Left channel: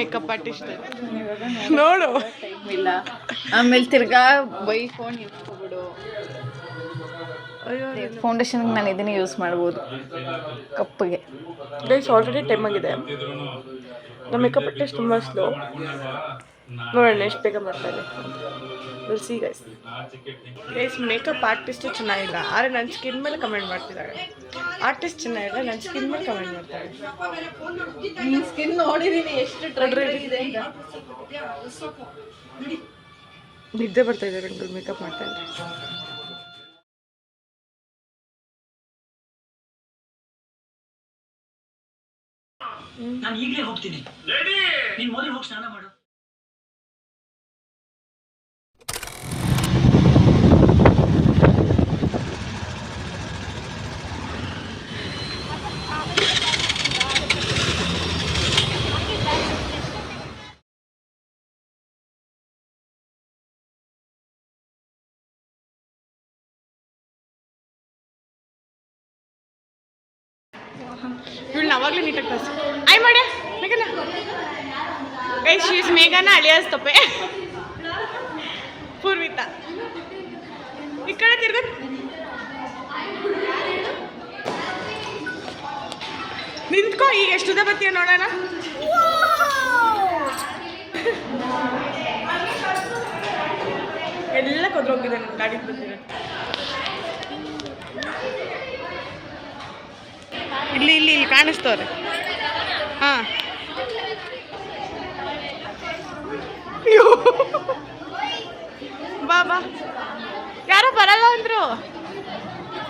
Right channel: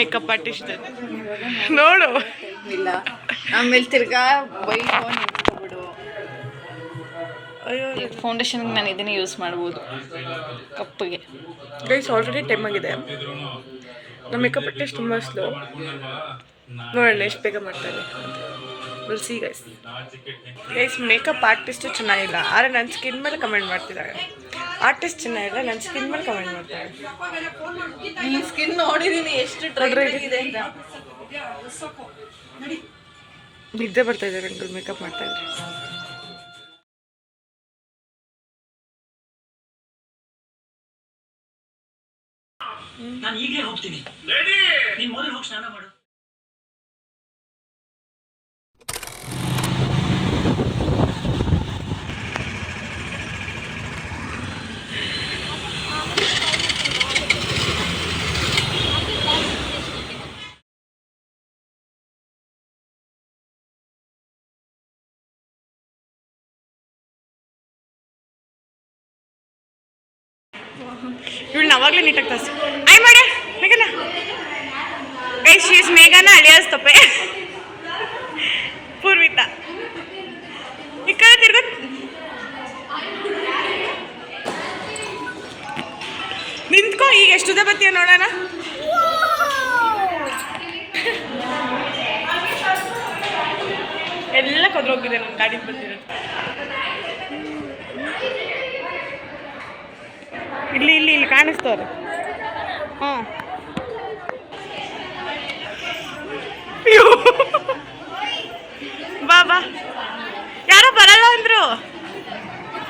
Makeup artist ನೋಡು. ಇಲ್ಲ ಆಮೇಲೆ ತಿರ್ಗಾ ಬೈಫೋನ್ ಇಟ್ಕೊಬಿಡು. ಫೌಂಡೇಶನ್ಗೆ ನಾನು ಇದನ್ನೇ ಯೂಸ್ ಮಾಡ್ಬೋದು ಕಪ್ಪಗೆ. ಗೈಸ್ ಆಲ್ರೆಡಿ ಟೈಮ್ ಆಗಿದೆ. ನಮ್ಮ ಮೇಕಪ್ ಆರ್ಟಿಸ್ಟ್ ತುಂಬ ಸ್ಲೋ. ನೋಡೋಣ ಎಷ್ಟು ಬೇಗ ಮಾಡ್ತಾರೆ. Will see guys. Guys makeup artist ಚೆನ್ನಾಗಿಲ್ಲ, ಆದರೆ ನನ್ನ ಸ್ಕಿನ್ ಮೇಲೆ ಕಮೆಂಟ್ ಮಾಡ್ತಿದ್ದಾರೆ. ಆರ್ಟಿಸ್ಟ್ ಚೆನ್ನಾಗಿಲ್ಲ, ನನ್ನ ಸ್ಕಿನ್ ಮೇಲೆ ಕಮೆಂಟ್ ಮಾಡ್ತಾರೆ. ನಿನ್ನ ಸ್ಕಿನ್ ನೋಡಿದ್ದೀನಿ ಎಷ್ಟು ಡ್ರೈ ಇದೆ ಅಂತ. ನಿದ್ದೆ ಬರ್ತಾ ಇದ್ದಾರೆ ಅಂಕಲ್ ಮೇಕಪ್ ಮಾಡ್ತಾ ಇದ್ದಾರೆ. ನಾನು ಈಗಲೇ ಹೋಗ್ತೀನಿ. ನೀನು ಮೊದಲು ಹೋಗಿ ಸ್ನಾನ ಮಾಡು. ಇವಳನ್ನ ಅವಾಗಲೇ ನೀಟಾಗಿ ತರಿಸಿ ಆಯ್ ಮಾಡೆ ಮೇಘನಾ. ಗೈಸ್ ಶಿ ಇಸ್ ಮೇಘನ ಅಳಿಯಾಸ್ ತಪ್ಪೆ ಪೂರ್ವಿತಾ. ಈ ಕಡೆ ತಿರ್ಗ ನಿಂತ್ಕೋ. ಈಗ ಎಷ್ಟು ಬತ್ತೀಯ ನೋಡೋಣ. ಎಲ್ಲ ಕೊದ್ರೋಗಿದೆ ನನ್ನ ಗಾಡಿಗೆ ಬಂದಿರೋದು. ಇಲ್ಲಿ ಇಲ್ಲಿ ಇಲ್ಲಿ ಕಾಣಿಸ್ತವ್ರೆ. ಹಾಂ ಬಾ ಬಾ. ಯಾರೋ ಬರಲ್ಲ ಅಂದರು.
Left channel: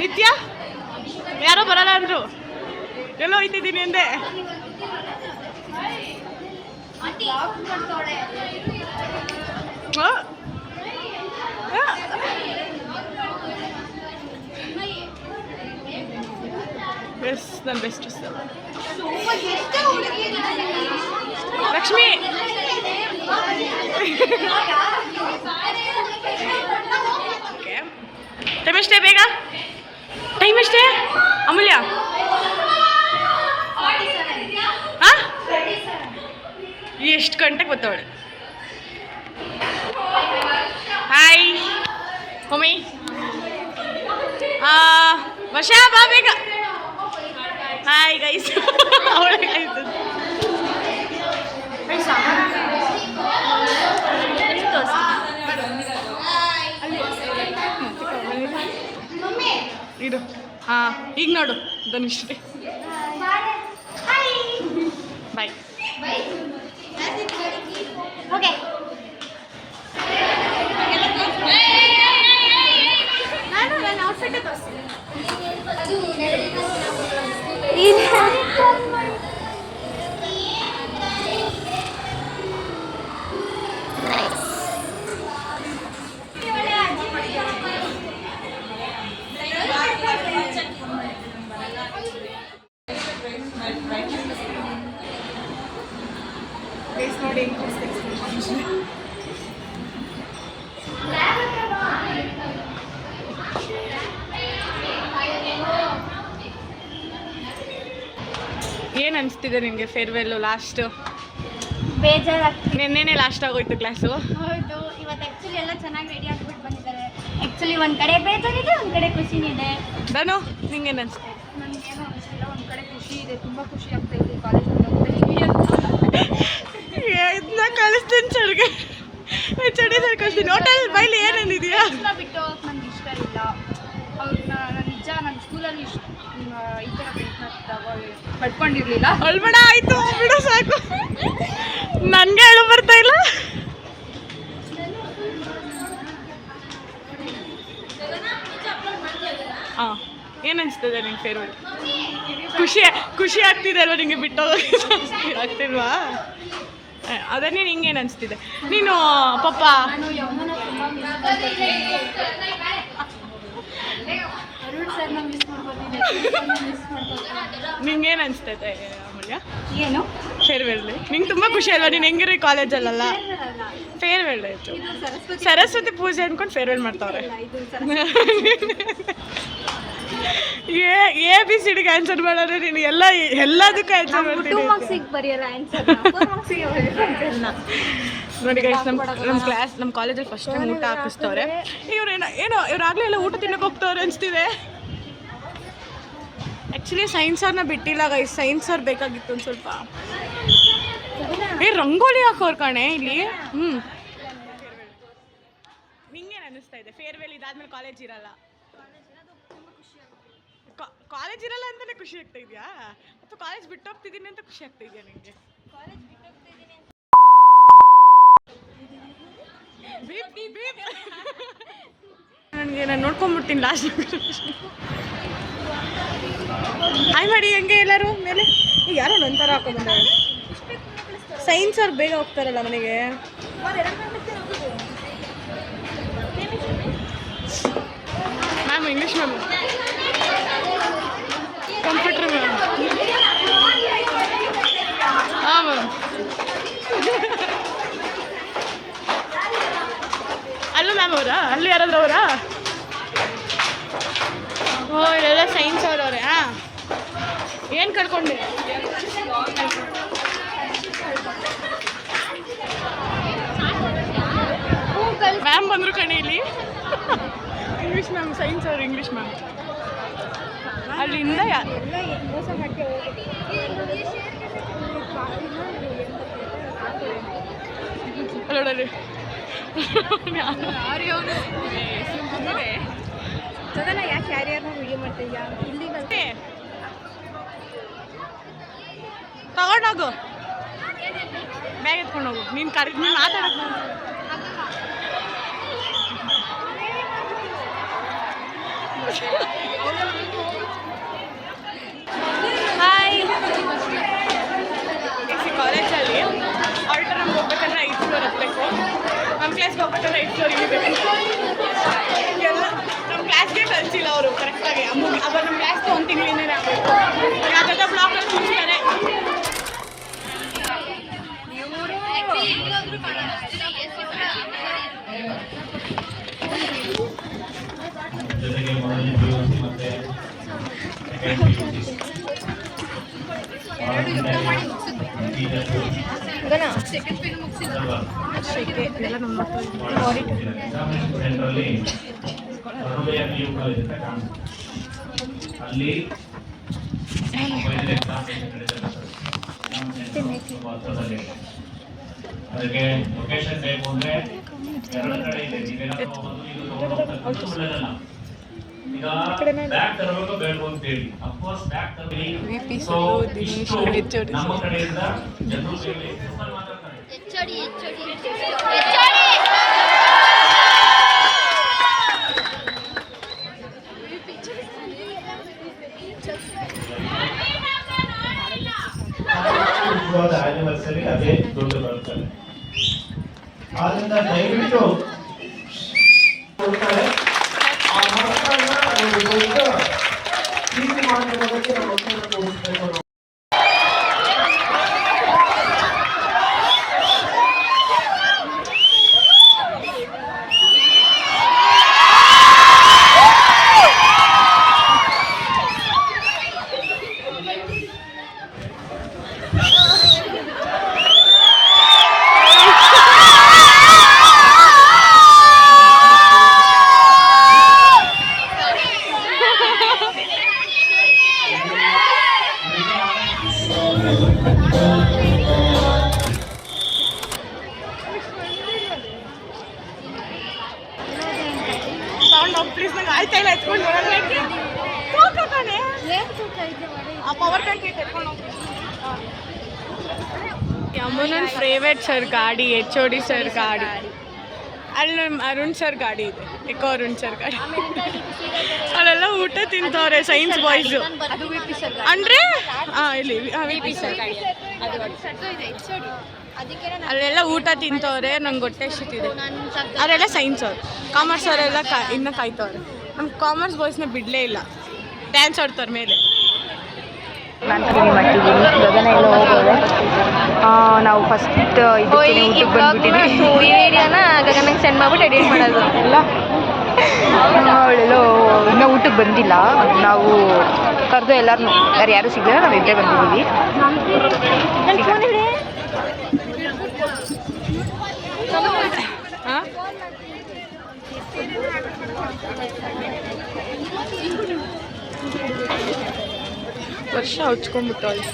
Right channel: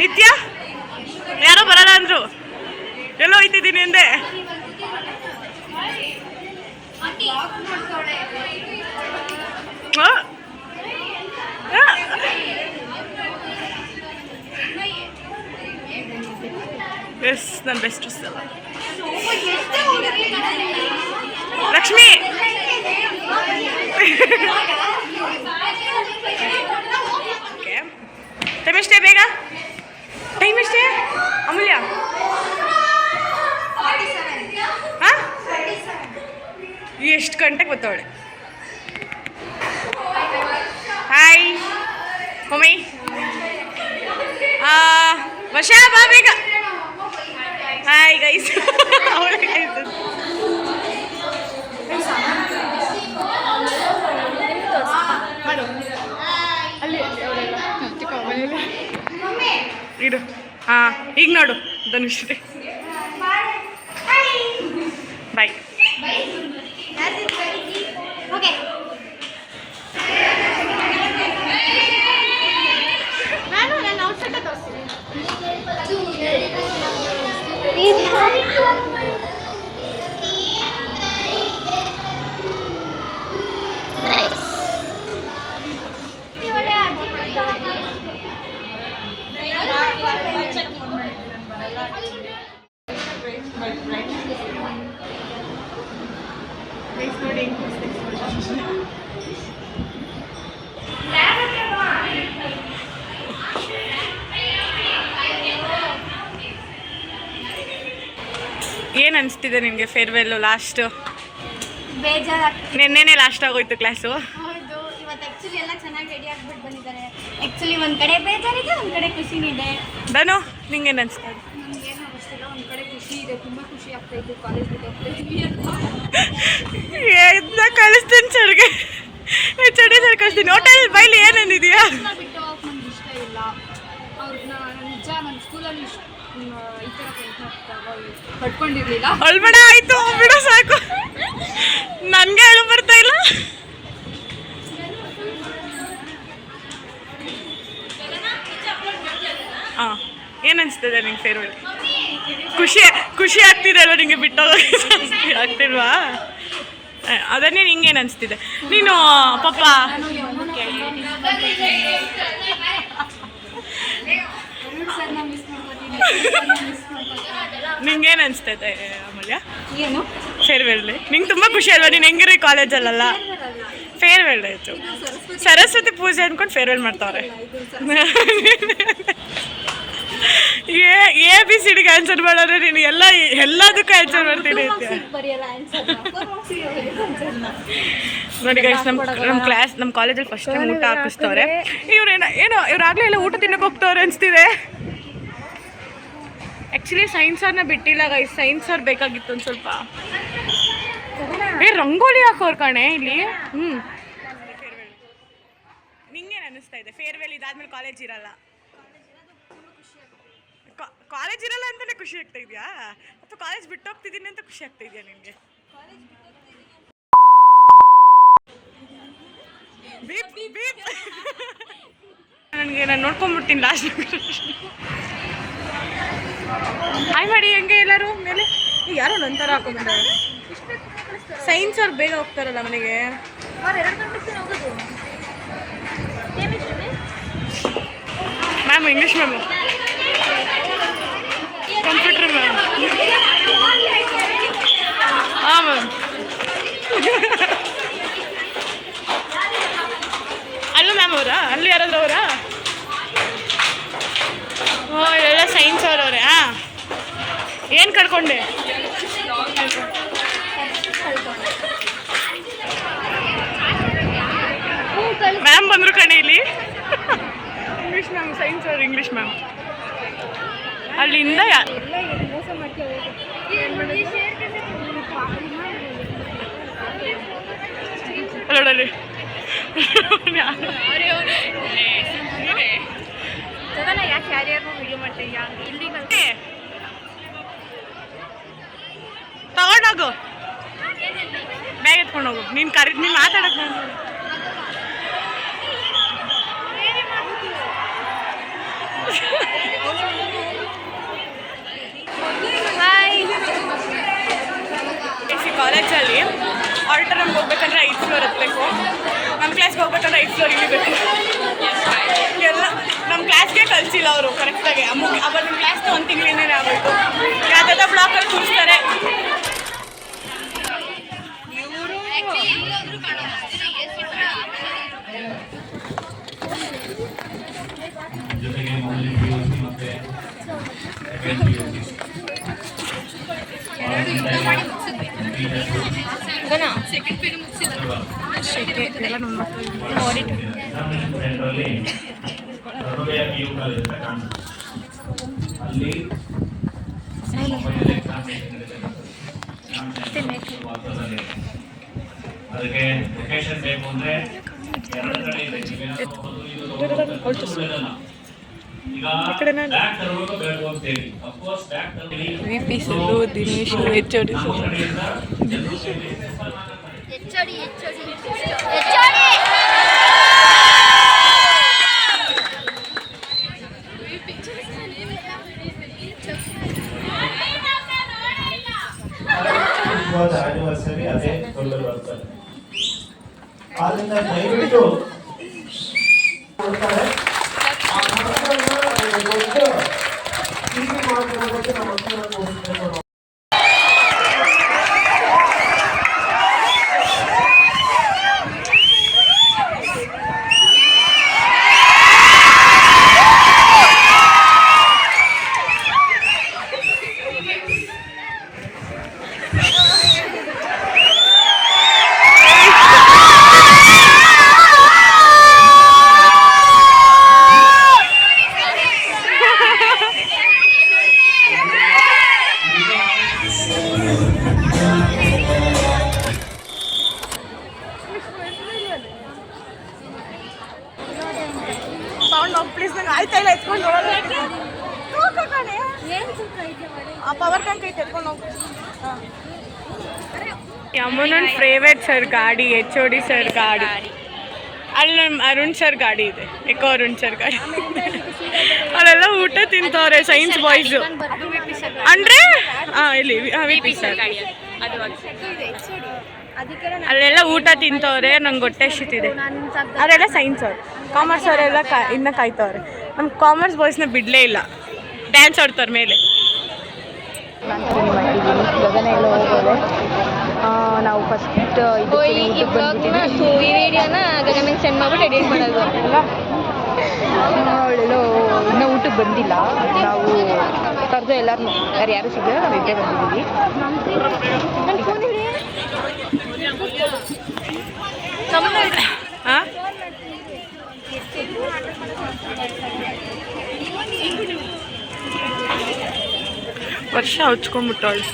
ನಿತ್ಯ ಯಾರೋ ಬರಲ್ಲ ಅಂದರು. ಎಲ್ಲೋ ಹೋಯ್ತಿದ್ದೀನಿ ಅಂದೆ. ಎಸ್ ನನ್ನ ಬೆಸ್ಟ್ ಸಲ ಲಕ್ಷ್ಮಿ. ಟೈಮ್ ಎಷ್ಟೇ ಬೇಗ? ಟೈಮ್ ಎಷ್ಟೇ ಅಮೂಲ್ಯ? ಹಾಂ ಎಷ್ಟು ಗಂಟೆಗೆ ಬರ್ತಾವಳೆ? Hi mummy. ವರ್ಷ ಬಾ ಬೇಗ. Hi guys. ಇಡು. ಹಾಂ ಈಗ ನೋಡು ಧನುಶ್ರೀ. ಬಾಯ್. ನಾನು ನನ್ನ ಔಟ್ಫಿಟ್ ತೋರಿಸ್ತೀನಿ. ನೋಡಿ ಏನು ಅನಿಸ್ತಿದೆ ನಿನಗೆ ಫೇರ್ವೆಲ್ಲು ಲಾಸ್ಟು? ಬೇಜಾರಾಗ್ತಿದೆ. ನೆನ್ನೆನೇ ಲಾಸ್ಟ್ ಆಗೋಯ್ತು ಕ್ಲಾಸು. ಹೌದು, ಇವತ್ತು ಆ್ಯಕ್ಚುಲಿ ಎಲ್ಲ ಚೆನ್ನಾಗಿ ರೆಡಿ ಆಗಿಬಿಟ್ಟು ಬಂದಿದ್ದಾರೆ. ಆ್ಯಕ್ಚುಲಿ ಒಂದು ಕಡೆ ಬೇಜಾರಿದೆ, ಒಂದು ಕಡೆ ಖುಷಿನೂ ಇದೆ. ಧನು ನಿಂಗೇನು ಅನಿಸ್ತಾ ಇದೆ? ನನಗೇನು ಅನಿಸ್ತಿಲ್ಲ, ಒಂದು ಕಡೆ ಖುಷಿ ಇದೆ, ತುಂಬ ಖುಷಿ ಆಗ್ತಾ ಇದೆ ಕಾಲೇಜಿಗೆ ಇದನ್ನ ಕಳಿಸ್ತೀನಿ ಸರ್ಗೆ. ಚಡಿ ಸರ್ ಕಳಿಸ್ತೀನಿ. ಹೋಟೆಲ್ ಬೈಲಿ ಏನೇನಿದೆಯಾ ಬಿಟ್ಟು ಹೋಗಕ್ಕೆ ನನಗೆ ಇಷ್ಟ ಇಲ್ಲ. ಅವ್ರನ್ನ ನಾನು ನಿಜ ನನ್ನ ಸ್ಕೂಲಲ್ಲಿ ಈ ಥರ ಪ್ರಯತ್ನ ಪಡ್ಕೊಂಡಿರಲಿಲ್ಲ. ಅಳ್ಬೇಡ ಆಯಿತು ಬಿಡು ಸಾಕು. ನನಗೆ ಅಳು ಬರ್ತಾ ಇಲ್ಲ. ಹಾಂ ಏನು ಅನಿಸ್ತದೆ ನಿಂಗೆ ಫೇರ್ವೆಲ್? ಖುಷಿ ಆಗ್ತಿದೆ ಅಲ್ವಾ ನಿಂಗೆ ಬಿಟ್ಟೋಗೋಕ್ಕೆ? ಆಗ್ತಿಲ್ವಾ? ಅದನ್ನೇ ನಿಂಗೇನು ಅನಿಸ್ತಿದೆ? ನೀನು ಪಾಪ ನಿಂಗೇನು ಅನಿಸ್ತೈತೆ ಅಮೂಲ್ಯ ಏನು ಫೇರ್ವೆಲ್ಲಿ? ನಿಂಗೆ ತುಂಬ ಖುಷಿ ಅಲ್ವಾ? ನೀನು ಹೆಂಗಿರೋ ಕಾಲೇಜಲ್ಲ ಫೇರ್ವೆಲ್ ಆಯಿತು. ಸರಸ್ವತಿ ಪೂಜೆ ಅಂದ್ಕೊಂಡು ಫೇರ್ವೆಲ್ ಮಾಡ್ತಾವ್ರೆ. ಎ ಬಿ ಸಿ ಡಿಗೆ ಆನ್ಸರ್ ಮಾಡಿದ್ರೆ ನೀನು ಎಲ್ಲದಕ್ಕೂ ಆನ್ಸರ್ ಮಾಡ್ತೀನಿ ನೋಡಿ ಗೈಸ್, ನಮ್ಮ ಕಾಲೇಜಲ್ಲಿ ಫಸ್ಟ್ ಟೈಮ್ ಊಟ ಹಾಕಿಸ್ತವ್ರೆ. ಇವ್ರಾಗಲೇ ಎಲ್ಲ ಊಟ ತಿನ್ನಕ್ಕೆ ಹೋಗ್ತವ್ರೆ ಅನಿಸ್ತಿದೆ. ಆ್ಯಕ್ಚುಲಿ ಸೈನ್ಸ್ ಅವ್ರನ್ನ ಬಿಟ್ಟಿಲ್ಲ ಗೈಸ್, ಸೈನ್ಸ್ ಅವ್ರು ಬೇಕಾಗಿತ್ತು ಒಂದು ಸ್ವಲ್ಪ. ರಂಗೋಲಿ ಹಾಕೋರು ಕಣೆ ಇಲ್ಲಿ. ನಿಂಗೇನು ಅನ್ನಿಸ್ತಾ ಇದೆ? ಫೇರ್ವೆಲ್ ಇದಾದ್ಮೇಲೆ ಕಾಲೇಜ್ ಇರಲ್ಲ, ಕಾಲೇಜ್ ಇರಲ್ಲ ಅಂತಾನೆ ಖುಷಿ ಆಗ್ತಾ ಇದೆಯಾ, ಅಥವಾ ಕಾಲೇಜ್ ಬಿಟ್ಟು ಹೋಗ್ತಿದ್ದೀನಿ ಅಂತ ಖುಷಿ ಆಗ್ತಾ ಇದೆಯಾ ನಿನಗೆ? ನಾನು ನೋಡ್ಕೊಂಡ್ಬಿಡ್ತೀನಿ ಲಾಸ್ಟ್. ಹಾಯ್ ಮಾಡಿ ಹೆಂಗೆ ಎಲ್ಲರೂ ಮೇಲೆ ಯಾರೋ ನಂತರ ಹಾಕೊಂಡ್ಬಂದವ್ರೆ. ಸೈನ್ಸ್ ಅವ್ರು ಬೇಗ ಹೋಗ್ತಾರಲ್ಲ ಮನೆಗೆ. Ma'am English ma'am, computer ma'am. ಹಾಂ ಮ್ಯಾಮ್. ಅಲ್ಲೂ ಮ್ಯಾಮ್ ಅವರಾ? ಅಲ್ಲಿ ಯಾರಾದ್ರೂ ಅವರಾ? ಓ ಎಲ್ಲ ಸೈನ್ಸ್ ಅವ್ರವ್ರೆ. ಹಾಂ, ಏನು ಕಳ್ಕೊಂಡೆ? ಮ್ಯಾಮ್ ಬಂದರು ಕಣೆ ಇಲ್ಲಿ. ಇಂಗ್ಲೀಷ್ ಮ್ಯಾಮ್, ಸೈನ್ಸ್ ಅವ್ರು ಇಂಗ್ಲೀಷ್ ಮ್ಯಾಮ್. ಅಲ್ಲಿಂದ ನೋಡಲ್ಲಿ ಯಾಕೆ ಯಾರ್ಯಾರು ವಿಡಿಯೋ ಮಾಡ್ತೀಯಾ? ಇಲ್ಲಿ ತಗೊಂಡೋಗು, ಬ್ಯಾಗ್ ಎತ್ಕೊಂಡೋಗು. ನೀನು ನೀನು ಮಾತಾಡೋದು. ಹಾಯ್. ಕಾಲೇಜಲ್ಲಿ ಆಡಿಟೋರಿಯಮ್ಗೆ ಹೋಗ್ಬೇಕಂದ್ರೆ 5th ಫ್ಲೋರ್ ಹತ್ತಬೇಕು. ನಮ್ಮ ಕ್ಲಾಸ್ಗೆ ಹೋಗ್ಬೇಕಂದ್ರೆ 5th ಫ್ಲೋರ್ ಇಳಿಬೇಕು. ಎಲ್ಲ ನಮ್ಮ ಕ್ಲಾಸ್ಗೆ ಕಳಿಸಿಲ್ಲ ಅವರು ಕರೆಕ್ಟಾಗಿ. ಅವಾಗ ನಮ್ಮ ಕ್ಲಾಸ್ಗೆ 1 ತಿಂಗಳಿಂದನೇ ಆಗಬೇಕು. ಯಾವುದಾದ್ರೂ ಬ್ಲಾಕಲ್ಲಿ ಕೂರಿಸ್ತಾರೆ. ಎಲ್ಲ ನಮ್ಮ ಅದಕ್ಕೆ ಲೊಕೇಶನ್ ಬೇಕು ಅಂದ್ರೆ 2 ಕಡೆ ಇದೆ. ಈಗ ಬ್ಯಾಕ್ ತರಬೇಕು ಬೇಕು ಅಂತೇಳಿ ಅಫ್ಕೋರ್ಸ್ ಬ್ಯಾಕ್ ತರಬೇಕು. VP ಸರ್, ದಿನೇಶ್, HOD ನಮ್ಮ ಕಡೆಯಿಂದ ಜನರು ಸೇರಿ ಮಾತಾಡ್ತಾರೆ. ಆನಿವರ್ಸರಿ ಅದೇ ದೊಡ್ಡ ಬರ್ತಾರೆ. ಆದ್ರಿಂದ ದಯವಿಟ್ಟು ಹೋಗ್ತಾರೆ. ಪ್ಲೀಸ್ ನಂಗೆ ಆಯ್ತಾ ಇಲ್ಲ ಎತ್ಕೊಂಡು ಕಣೆ. ಆ ಪವರ್ ಬ್ಯಾಂಕ್ ಎತ್ಕೊಂಡು ಹೋಗ್ತೀನಿ. ಯಮುನನ್ ಫೇವ್ರೇಟ್ ಸರ್ ಗಾಡಿ, HOD ಸರ್ ಗಾಡಿ. ಅಲ್ಲಿ ನಮ್ಮ ಅರುಣ್ ಸರ್ ಗಾಡಿ ಇದೆ, ಎಕೋ ಅರುಣ್ ಸರ್ ಗಾಡಿ. ಅಲ್ಲೆಲ್ಲ ಊಟ ತಿಂತವ್ರೆ ಸೈನ್ಸ್ ಬಾಯ್ಸು. ಅಂದರೆ ಇಲ್ಲಿ VP ಸರ್ ಅಲ್ಲೆಲ್ಲ ಊಟ ತಿಂತವ್ರೆ. ನಂಗೆ ಹೊಟ್ಟೆ ಎಷ್ಟಿದೆ. ಅವರೆಲ್ಲ ಸೈನ್ಸ್ ಅವ್ರು. ಕಾಮರ್ಸ್ ಅವರೆಲ್ಲ ಇನ್ನೂ ಕಾಯ್ತವ್ರೆ. ನಮ್ಮ ಕಾಮರ್ಸ್ ಬಾಯ್ಸ್ನ ಬಿಡಲೇ ಇಲ್ಲ, ಡ್ಯಾನ್ಸ್ ಆಡ್ತವ್ರ ಮೇಲೆ. ನಾನು ಕ್ಲೀನ್ ಮಾಡ್ತಿದ್ದೀನಿ. ಗಗನ ಎಲ್ಲ ಹೋಗೋದೆ. ನಾವು ಫಸ್ಟ್ ಇದಕ್ಕೆ ಊಟಕ್ಕೆ ಬಂದ್ಬಿಟ್ಟಿದ್ದೀವಿ. ಈ ವಿಡಿಯೋನ ಗಗನಕ್ಕೆ ಸೆಂಡ್ ಮಾಡ್ಬಿಟ್ಟು ಎಡಿಟ್ ಮಾಡೋದು. ಅವಳೆಲ್ಲೋ ಇನ್ನೂ ಊಟಕ್ಕೆ ಬಂದಿಲ್ಲ. ನಾವು ಕರೆದು ಎಲ್ಲರೂ ಯಾರು ಸಿಗಲಿಲ್ಲ, ನಾವು ಇಲ್ಲೇ ಬಂದಿದ್ದೀವಿ. ಹಾಂ ವರ್ಷ ಹಚ್ಕೊಂಡ್ಬಿಟ್ಟವಳು.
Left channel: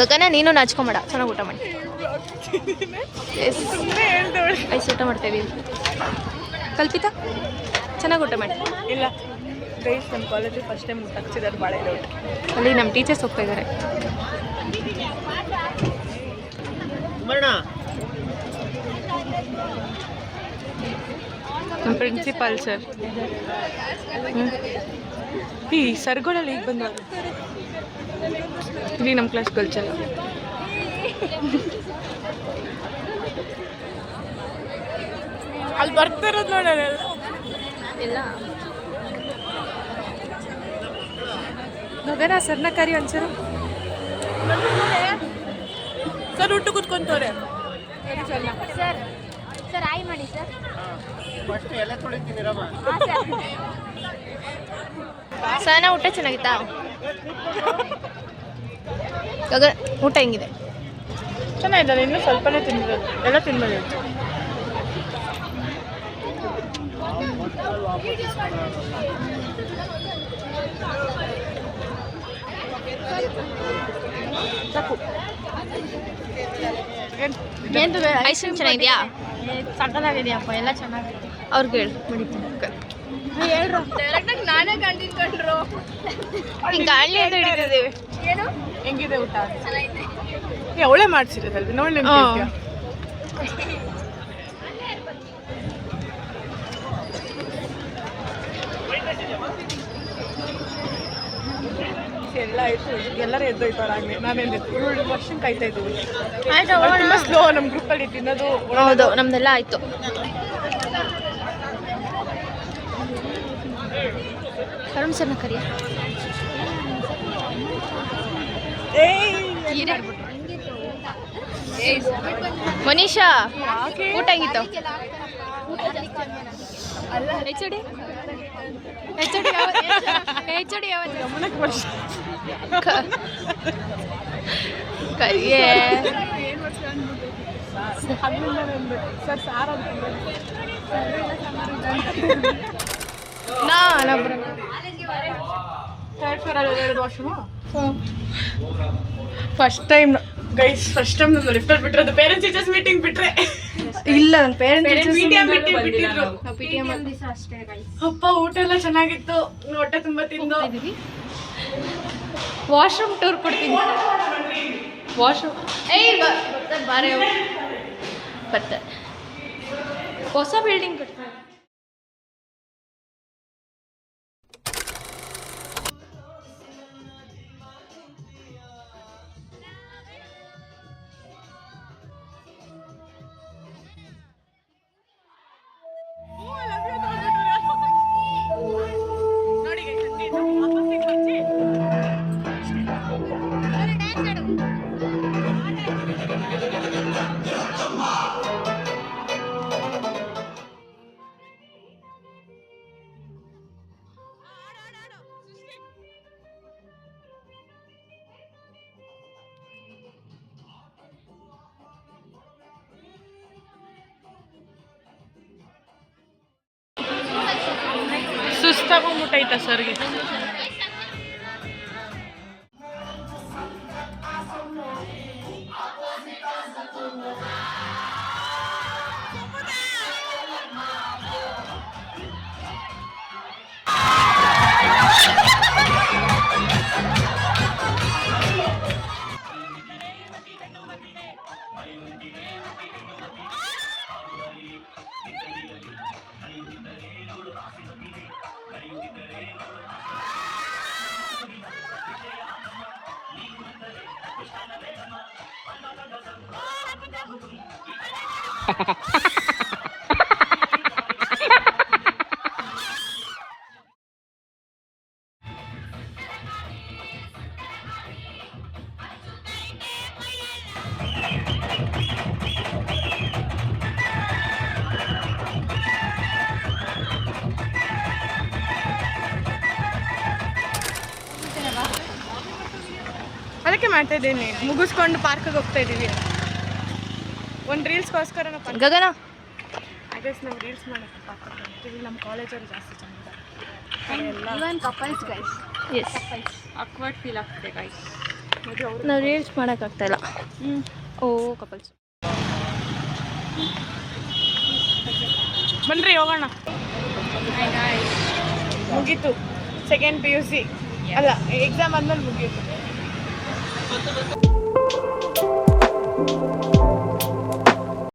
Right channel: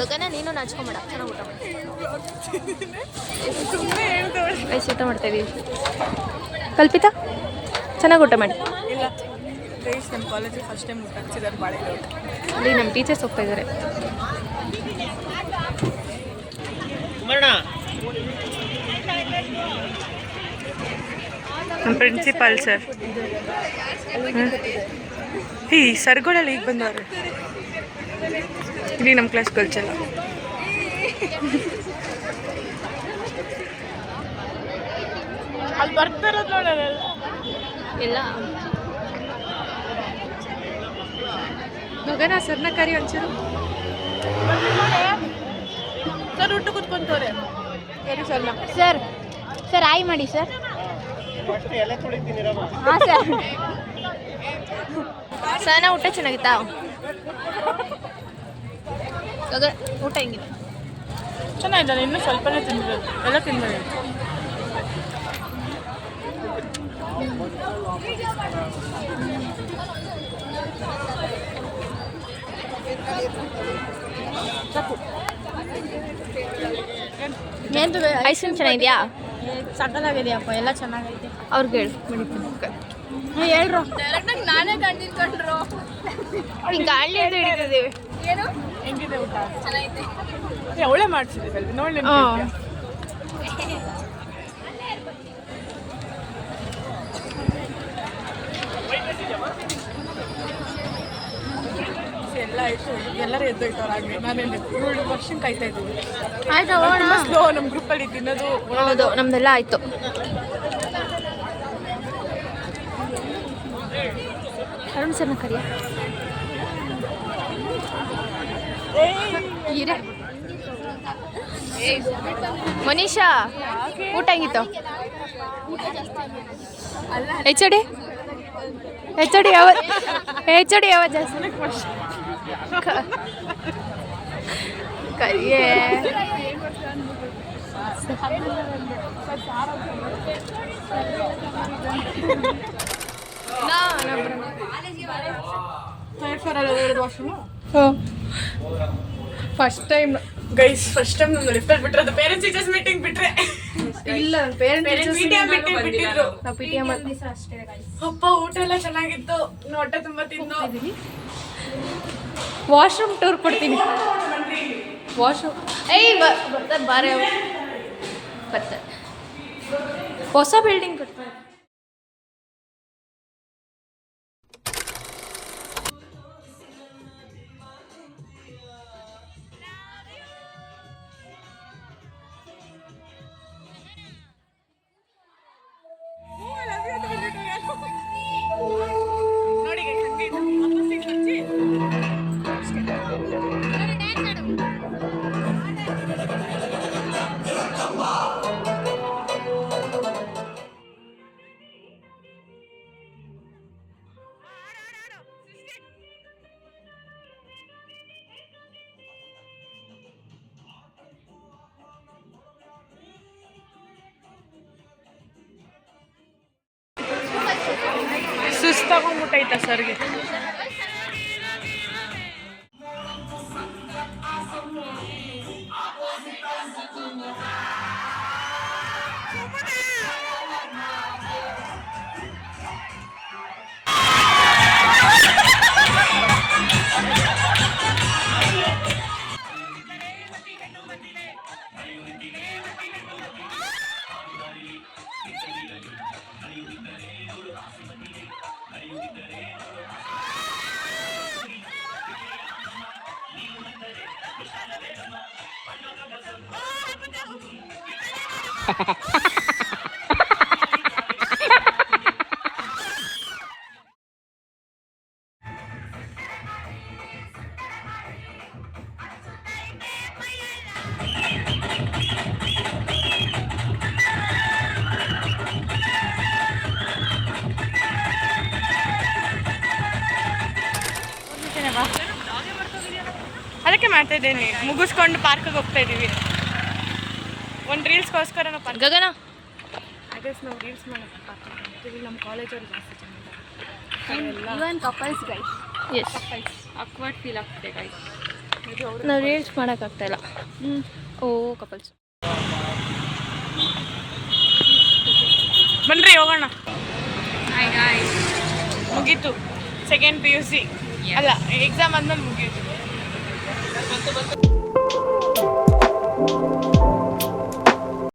ಗಗನ ನೀನು ನಾಚ್ಕೊಂಬೇಡ, ಚೆನ್ನಾಗಿ ಊಟ ಮಾಡಿ. ಐಸ್ ಊಟ ಮಾಡ್ತಾ ಇದ್ದೀವಿ. ಕಲ್ಪಿತಾ ಚೆನ್ನಾಗಿ ಊಟ ಮಾಡಿ. ಇಲ್ಲ ಗೈಸ್, ನಮ್ಮ ಕಾಲೇಜಿಗೆ ಫಸ್ಟ್ ಟೈಮ್ ಊಟ ಹಾಕ್ಸಿದ್ದಾರೆ ಭಾಳ ಇದೆ ಊಟ. ಅಲ್ಲಿ ನಮ್ಮ ಟೀಚರ್ಸ್ ಹೋಗ್ತಾ ಇದ್ದಾರೆ. ನಮ್ಮ ಪ್ರಿನ್ಸಿಪಾಲ್ ಸರ್. ಈ ಸರ್ಗಳಲ್ಲಿ ಈಗ ಬಂದವ್ರೆ. ಇಲ್ಲಿ ನಮ್ಮ ಕ್ಲಾಸ್ ಕಲ್ಚಲ್ಲ. ಅಲ್ಲಿ ಬರ್ತಿರೋದು ನೋಡೋಣ ಇಲ್ಲ ಗಗನ ಸರ್ನ ಕರಿ ಒಂಚೂರು. ಸರ್ ಊಟ ಕೂತ್ಕೊಂತವ್ರೆ. ಸರಿ ಸರ್ನ. ಸರ್. ಸರ್ ಆಯ್ ಮಾಡಿ ಸರ್. ಹಾಂ ಸರ್. ಸನ ಊಟ ಚೆನ್ನಾಗಿತ್ತಾ? ಗಗ ಊಟ ಹೆಂಗಿದೆ? ಚೆನ್ನಾಗಿದ್ದಲ್ಲ, ಇನ್ನೂ ಸ್ವಲ್ಪನೇ ತಿನ್ಬೋದು, ಎಲ್ಲ ತಿನ್ಬೋದು. ಸಾಕು. ಐಸ್ ಕ್ರೀಮ್ ಚೆನ್ನಾಗಿದೆಯಾ? ಸಕಲಾಗಿದೆಯಪ್ಪ, ಎಲ್ಲ ಚೆನ್ನಾಗೈತೆ. ಅವ್ರಿಗೆ ಹೇಳು ಮಾಡಿದ್ದೀನಿ. ಹೇಳ್ರು ಡೈರೆಕ್ಟಾಗಿ ನಾನೇ ಕಂಡಿನ್ಕೊಂಡ್ರು. ಹಿಂಗೆ ಗಾಳಿ ಅಂತ ಹಿಡಿತಿದ್ದೀವಿ. ಏನು ಹೆಂಗಿದೆ ಊಟ? ಚೆನ್ನಾಗೈತೆ. ಒಳ್ಳೆ ಮಾಡ್ಸಿರೋದಲ್ವಿ ನೋಡಿ. ಎಲ್ಲ ಆಯ್ತು, ಎಲ್ಲರೂ ಎದ್ದೋಯ್ತವ್ರು ಆಗಲಿ. ನಾನೇನು ಇವಳು ವರ್ಷನ್ ಕಾಯ್ತಾ ಇದ್ದೀವಿ. ಆಯ್ತಾ ತುಂಬ ಸ್ಲೋ ನಮ್ಮ ಗ್ರೂಪಲ್ಲಿ ತಿನ್ನೋದು. ಹೌದು, ನಮ್ದೆಲ್ಲ ಆಯಿತು. ಅರುಣ್ ಸರ್ನ ಕರಿಯ. ಮನೀಷಾ ಊಟ ಹೆಂಗಿತ್ತು? ಎಚ್ ಡಿ ಯಾವ ಜಾಸ್ತಿ ಕರಿಯೇ. First time guys, first time ನಮ್ಮ ಲಿಫ್ಟಲ್ಲಿ ಬಿಟ್ಟಿರೋದು. ಪೇರೆಂಟ್ಸ್ ಟೀಚರ್ಸ್ ಮೀಟಿಂಗ್ ಬಿಟ್ರೆ ಇಲ್ಲ, ಪೇರೆಂಟ್ಸ್ ಮೀಟಿಂಗ್ ಬಿಟ್ಟಿದ್ರು. ನಾವು PTM ಅಪ್ಪ ಊಟ ಎಲ್ಲ ಚೆನ್ನಾಗಿತ್ತು, ಹೊಟ್ಟೆ ತುಂಬ ತಿಂದು. ವಾಶ್ರೂಮ್ ಟೂರ್ ಕೊಡ್ತೀನಿ. ವಾಶ್ರೂಮ್ ಬರ್ತಾರೆ ಬಾರೆ ಬರ್ತಾರೆ. ಹೊಸ ಬಿಲ್ಡಿಂಗ್ ಕಟ್ತಾರೆ. ನೋಡಿ ವಾಪಸ್ಸಿಗೆ ಹಚ್ಚಿ ಸುಸ್ತಾಗೋಗ್ಬಿಟ್ಟೈತ ಸರ್ಗೆ. ಅದಕ್ಕೆ ಮಾಡ್ತಾ ಇದ್ದೇನೆ, ಮುಗಿಸ್ಕೊಂಡು ಪಾರ್ಕಿಗೆ ಹೋಗ್ತಾ ಇದ್ದೀವಿ. ಒಂದು ರೀಲ್ಸ್ಗೋಸ್ಕರ ನಾವು ಪಾರ್ಕ್ ಗಗನ ಆಗಸ್ ನಾವು ರೀಲ್ಸ್ ಮಾಡೋಕ್ಕೆ ಪಾರ್ಕಿಗೆ ಹೋಗ್ತೀವಿ. ನಮ್ಮ ಕಾಲೇಜವ್ರು ಜಾಸ್ತಿ ಚೆನ್ನಾಗಿದ್ದಾರೆ. ಇವನ್ ಕಪಲ್ಸ್ ಗೈಸ್, ಎಸ್ ಅಕ್ವರ್ಡ್ ಫೀಲ್ ಆಗ್ತಿದೆ ಗೈಸ್. ನಾವು ರೀಲ್ಸ್ ಮಾಡೋಕ್ಕಾಗ್ತಾ ಇಲ್ಲ. ಓ ಕಪಲ್ಸ್ ಬನ್ರಿ ಹೋಗೋಣ. ಮುಗೀತು ಸೆಕೆಂಡ್ PUC ಅಲ್ಲ, ಎಕ್ಸಾಮ್ ಆದ್ಮೇಲೆ ಮುಗೀತು.